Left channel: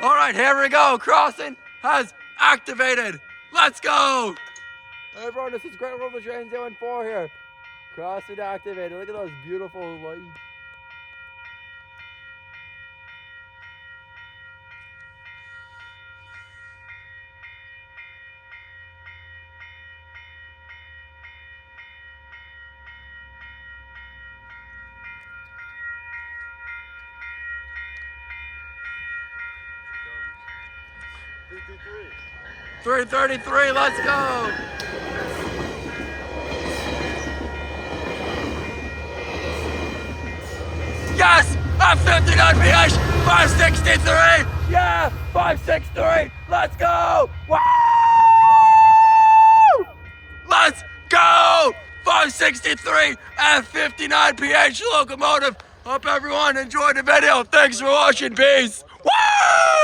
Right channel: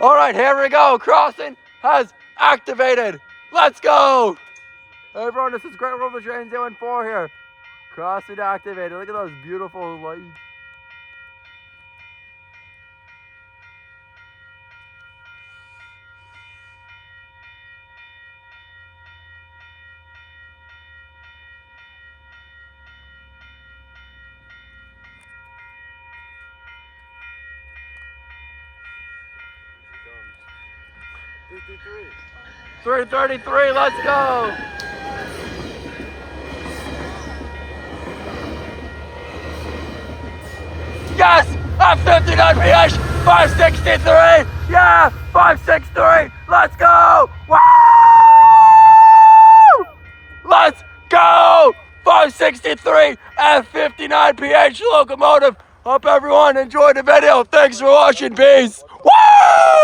All right, here we go. Crossing has activated. Let's go. Hey everyone, this is Great World of Trains 014 here. Crossing activated. Look at those beautiful lights. $3.33, let's go! Yes! F59PH, 563! Yeah! 563! Let's go! Woo! Let's go! 563 F59PH Locomotive. Hope everyone enjoyed the video. Thanks for watching. Peace. Woo!